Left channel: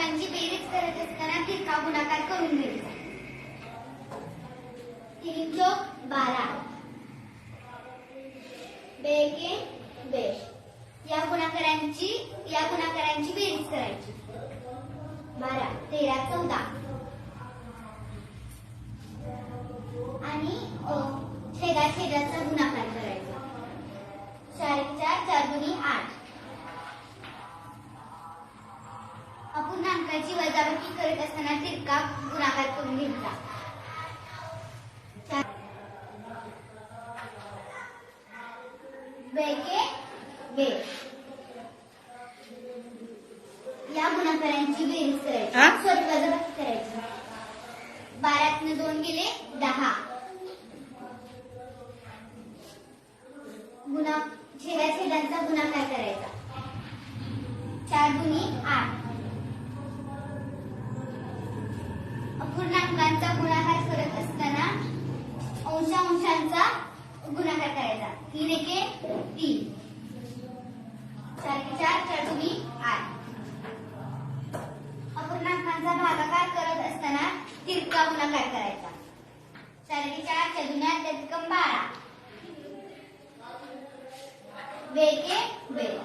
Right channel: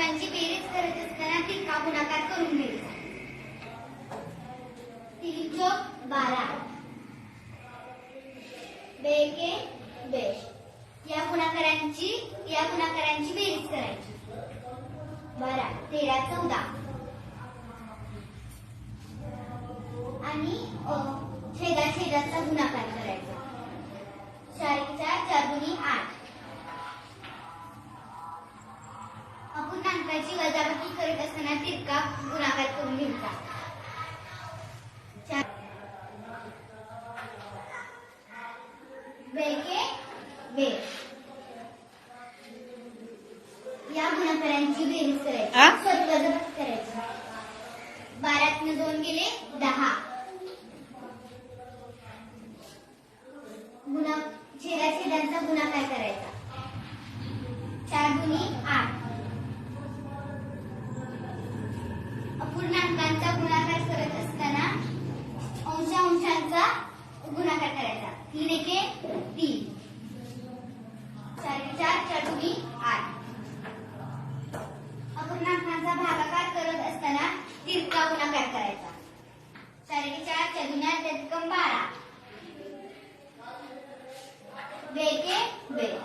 अपूर्णांकांची बेरीज करत असताना तिरका गुणाकार करून घ्यायचा. 3 चौक 12, 2 एके 2. या गुणाकारांची बेरीज करायची. 12 13 14 आणि छेदाचा गुणाकार करायचा. 4 4 4 दुनी 8. अपूर्णांकाची वजाबाकी करत असताना तिरका गुणाकार करून घ्यायचा. 2 एके 2. या गुणाकारांची बेरीज करायची. वजाबाकी करायची. 12 2 गेले 10. छेदाचा गुणाकार करायचा. 4 दुनी 8. अपूर्णांकांचा गुणाकार करत असताना अंशांचा गुणाकार करायचा. 3 एके 3. 4 4 4 दुनी 8. अपूर्णांकांचा भागाकार करत असताना तिरका गुणाकार करायचा. 4 एके 4 4 दुनी 8 12. 2 एके 2.